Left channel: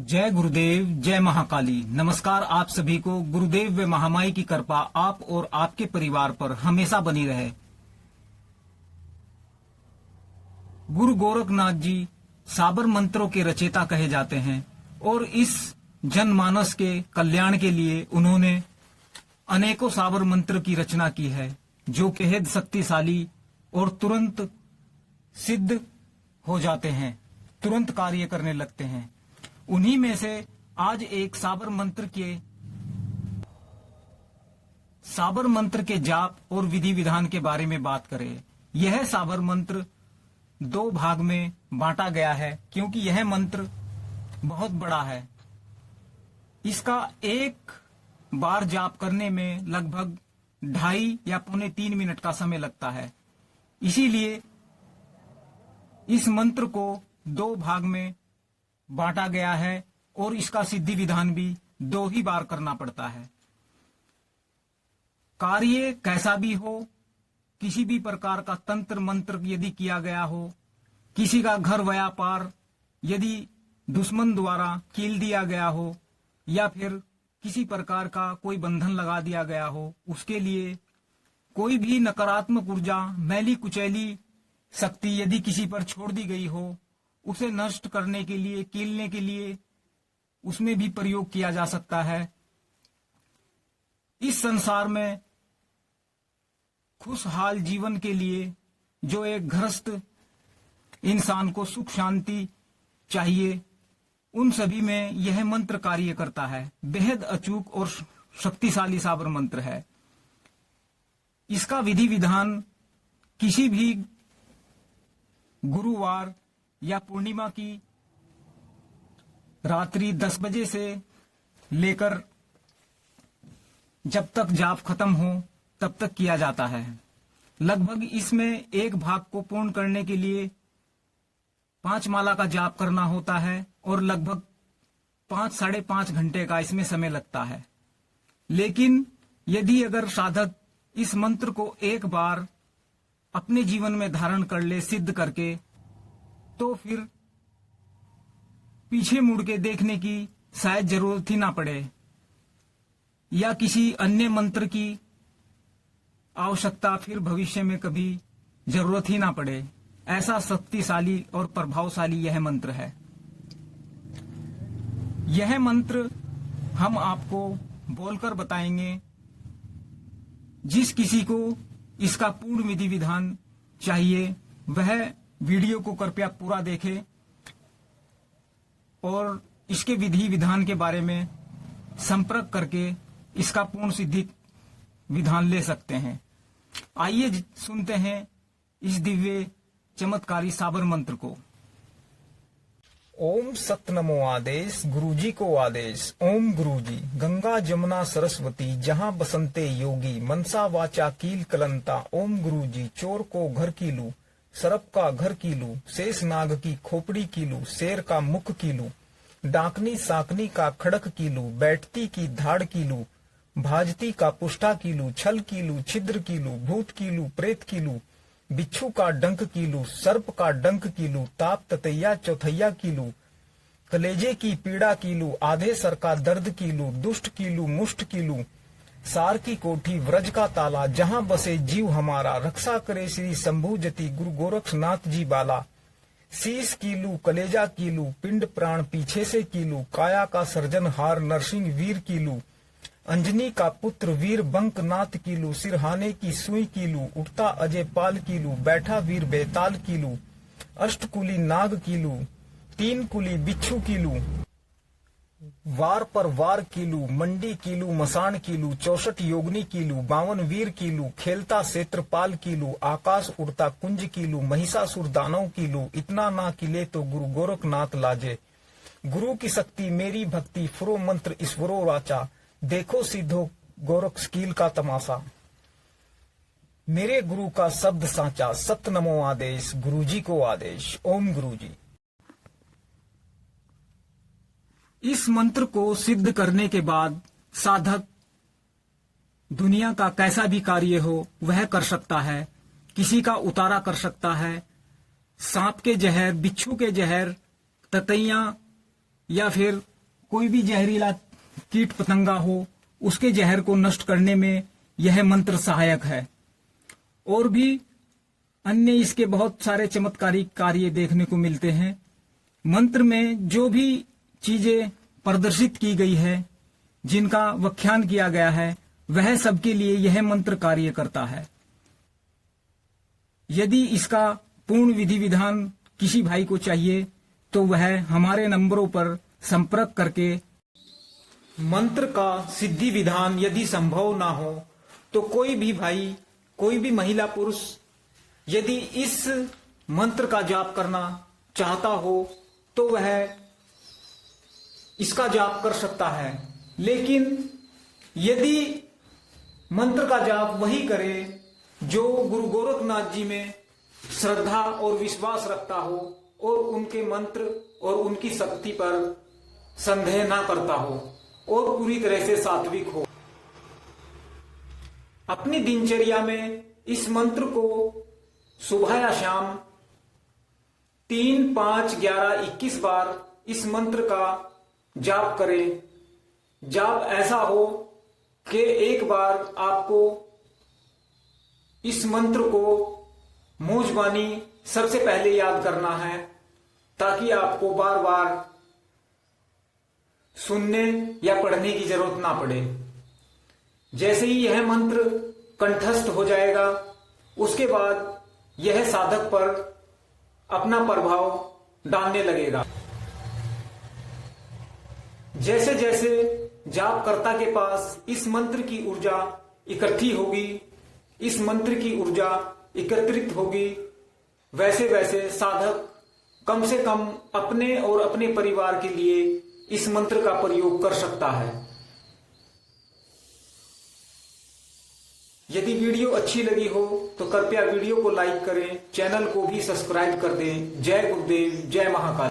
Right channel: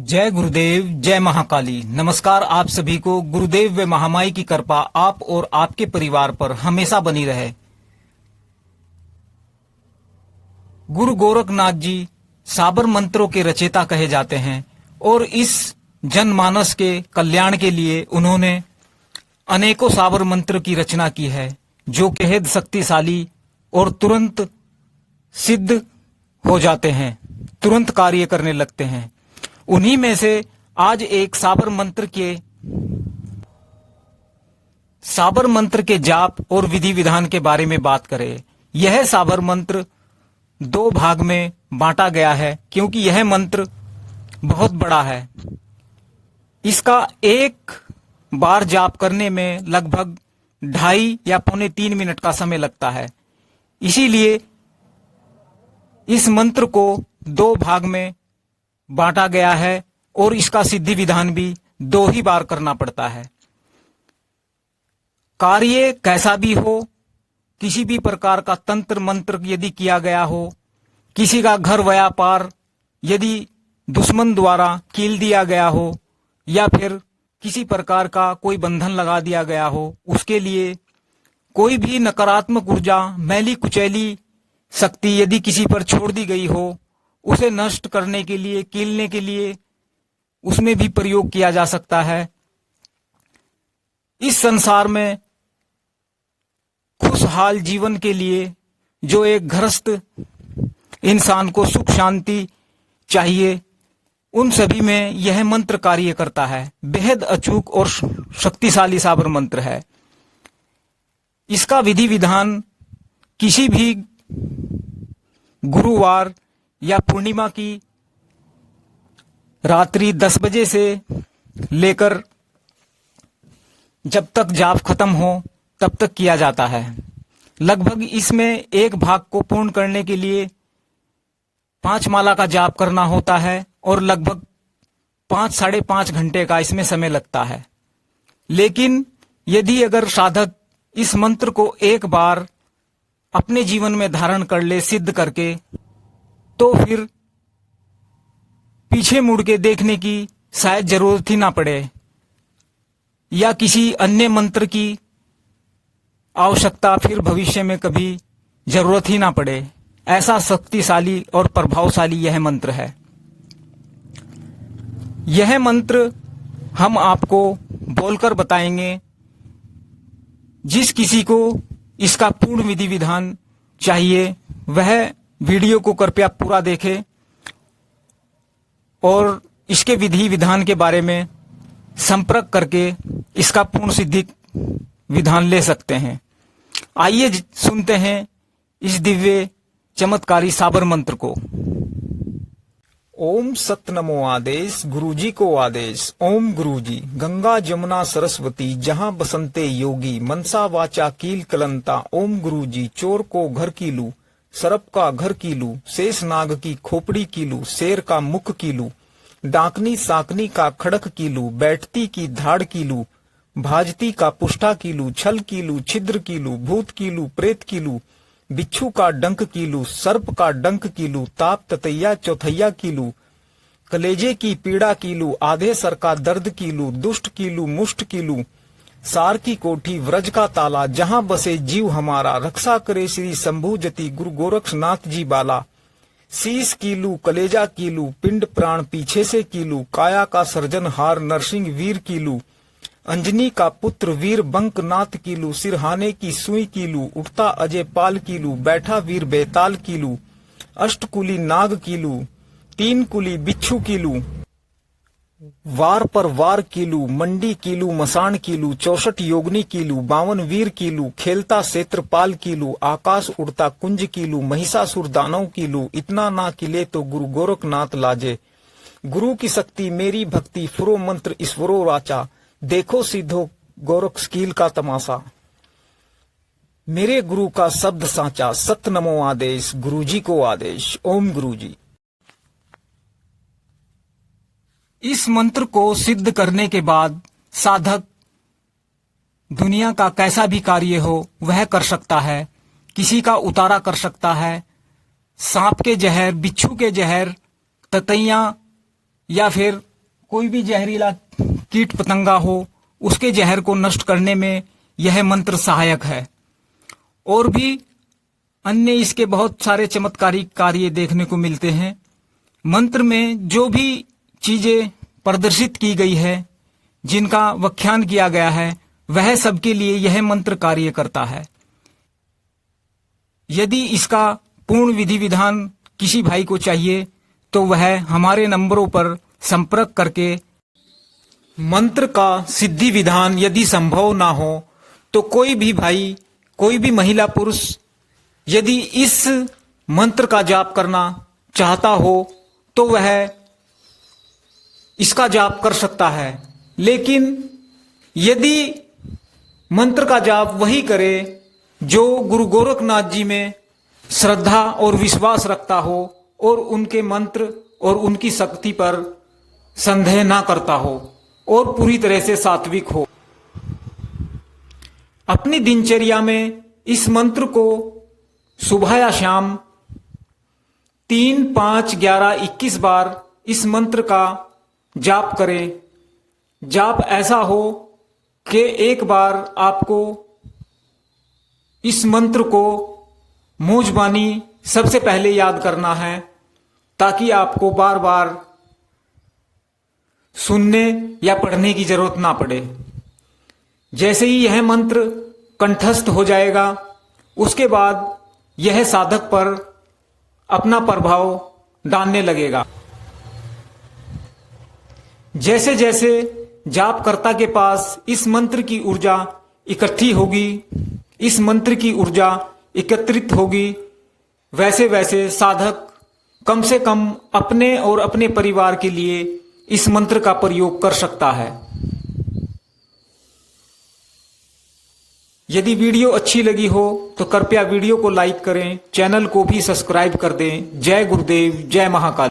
जय गुरुदेव, जय महाकाली। नमस्कार आप सभी को। गुरुदेव व महामाई की कृपा आप और आपके परिवार पर हमेशा बनी रहे। गुरु गोरखनाथ जी साबर मंत्रों के रचयिता कहे जाते हैं और इस जनमानस के कल्याण के लिए उन्होंने अनेकों साबर मंत्र की रचना की है, जो बेहद शक्तिशाली और तुरंत सिद्ध हो जाते हैं, तुरंत कार्य करने लगते हैं। उन्हीं में से आज एक साबर मंत्र के जाप और विधि विधान के बारे में बात करें। यह साबर मंत्र 2 भाग में बांटा गया है, क्योंकि यह मंत्र बहुत बड़ा है। इसका एक बार जाप करने में लगभग 2.5 या पौने 3 मिनट का समय लगता है। इसीलिए इस मंत्र को 2 भाग में बांटा गया है और इसका सिद्धि विधान भी 2 ही बार करना पड़ता है। कार्य कैसा भी हो, किसी भी प्रकार का तंत्र मंत्र यदि किया गया हो, किसी का घर व्यापार यदि दुश्मन द्वारा कील दिया गया हो, या फिर किसी प्रकार का कोई बंधन लगा दिया गया हो, उसके लिए कोई भी नकारात्मक ऊर्जा, मैली कुचैली शक्ति यदि किसी पर छोड़ दी गई हो, उसे नष्ट करने के लिए, कीलने के लिए उसमें भी प्रयोग किया जा सकता है। इस संसार में खुशहाल जीवन के लिए जो एक गृहस्थ इंसान को सुख शांति चाहिए, उन सभी में यह मंत्र कार्य करता है। बेहद अचूक और शक्तिशाली साबर मंत्र है। इसका विधि विधान किसी भी गुरुवार या पूर्णिमा की रात्रि 10 बजे से लेकर जब तक जाप खत्म हो तब तक किया जाता है। लगभग इसमें एक भाग को पूर्ण करने के लिए 5 माला का जाप करना होता है और लगभग 5 साढ़े 5 घंटे का इसमें समय लगता है। लेकिन यदि अगर साधक इस मंत्र को एक बार अपने जीवन में धारण कर ले, सिद्ध करके, तो फिर पीछे मुड़ के देखने की शायद जरूरत ही ना पड़े, या किसी अन्य मंत्र की आवश्यकता फिर भविष्य में कभी जरूरत ही ना पड़े। ऐसा शक्तिशाली और प्रभावशाली यह मंत्र है। यह मंत्र हम आपको बोलकर बताएंगे। जिस किसी को इसका पूर्ण विधि विधान चाहिए वह वीडियो को कृपया पूरा देखें और इसके विधि विधान के बारे में संपर्क करके इसका पूर्ण सिद्धि विधान ले सकते हैं। आइए सुनते हैं इस दिव्य चमत्कारी साबर मंत्र को। ओम सत नमो आदेश, गुरुजी को आदेश। ओम गुरुजी। गंगा जमुना सरस्वती जहाँ बसंते योगी, मनसा वाचा कील कलंता। ओम गुरुजी। चोर को घर की लू, सर्प का घर की लू, शेष नाग की खोपड़ी की लू, शेर का मुख की लू, डाकनी साकनी का खड़क की लू, बैठती की धाड़ की लू, भाजती का पुष्टा की लू, छल की लू, छिद्र की लू, भूत की लू, प्रेत की लू, बिच्छू का डंक की लू, सर्प का डंक की लू, ताप ततैया चौथैया की लू, कलेजे की पीड़ा की लू, आधे सर का दर्द की लू, दुष्ट की लू, मुष्ट की लू, सार की कोठी, व्रज का ताला, जहां बसे जीव हमारा, रक्षा करे श्री शंभु जति, गुरु गोरखनाथ जी बाला। शीश कीलू, कलेजा कीलू, पिंड प्राण पीछे से कीलू, काया का सर्जनहार नरसिंह वीर कीलू, अंजनी का पुत्र वीर बंकनाथ कीलू, सिरहाने की सुई कीलू, उठता अजय पाल कीलू, बैठा वीर बेताल कीलू, अष्टकुली नाग कीलू, 3 कुली बिच्छू कीलू, वार पर वार कीलू, मंडी कीलू, मसान कीलू, 64 योगनी कीलू, 52 वीर कीलू, खेलता क्षेत्रपाल कीलू, आकाश उड़ता कुंज कीलू, महिषासुर दानव कीलू, इतना ना किले तो गुरु गोरखनाथ लाजे। गुरु की शक्ति मेरी भक्ति, फुरो मंत्र ईश्वरो राचा, देखो सीधो गोरख कील का तमाशा। मेरे गुरु का शब्द साचा, सत नमो आदेश, गुरुजी को आदेश। ओम गुरुजी। इस मंत्र को सिद्ध करने के बाद साधक दुनिया का कैसा भी कार्य हो वह कर सकता है। किसी का उतारा कर सकता है, सांप के जहर, बिच्छू के जहर, ततैया या फिर कोई भी जहरीला कीट पतंगा हो उसके जहर को नष्ट करने में यह मंत्र सहायक है। और भी अन्य इसके बहुत सारे चमत्कारिक कार्य देखने को मिलते हैं। मंत्र में जो भी चीजें प्रदर्शित की गई है, जिनका व्याख्यान किया गया है, वह सबके लिए यह मंत्र कार्य करता है। यदि इसका पूर्ण विधि विधान किसी भाई को चाहिए तो वह हमारे नंबरों पर संपर्क करके मंत्र का सिद्धि विधान यदि संभव ना हो तो कोई भी भाई, कोई भी महिला पुरुष यदि इस मंत्र का जाप करना चाहता हो तो वह इसका जाप कर सकता है। लेकिन यदि मंत्र का जाप वही करे जो गुरु गोरखनाथ जी में श्रद्धा और विश्वास रखता हो और उनके मंत्र और उनकी शक्ति पर संदेह ना करता हो और पूरी तरह से सात्विक हो। अपनी दिनचर्या में इस मंत्र को सुबह या शाम 3, 5, 11, 21 बार इस मंत्र का जाप करें। जाप ऐसा हो कि एक बार आपको इस मंत्र को मूंजबानी सबसे पहले याद करना है, ताकि आपको बार बार सुनने या पढ़ने की जरूरत ना पड़े। जैसे ही यह मंत्र कंठस्थ हो जाएगा, उसके बाद यह साधक पर अपना प्रभाव डालने लगेगा। जैसे जैसे जापकर्ता के पास इस मंत्र की ऊर्जा इकट्ठी होगी, इस मंत्र की ऊर्जा एकत्रित होगी, वैसे वैसे साधक कम से कम अपने और अपने परिवार के लिए इस मंत्र का प्रयोग कर सकता है। यदि वीडियो अच्छी लगी हो तो कृपया वीडियो को लाइक करें, चैनल को भी सब्सक्राइब कर दें। जय गुरुदेव, जय महाकाल।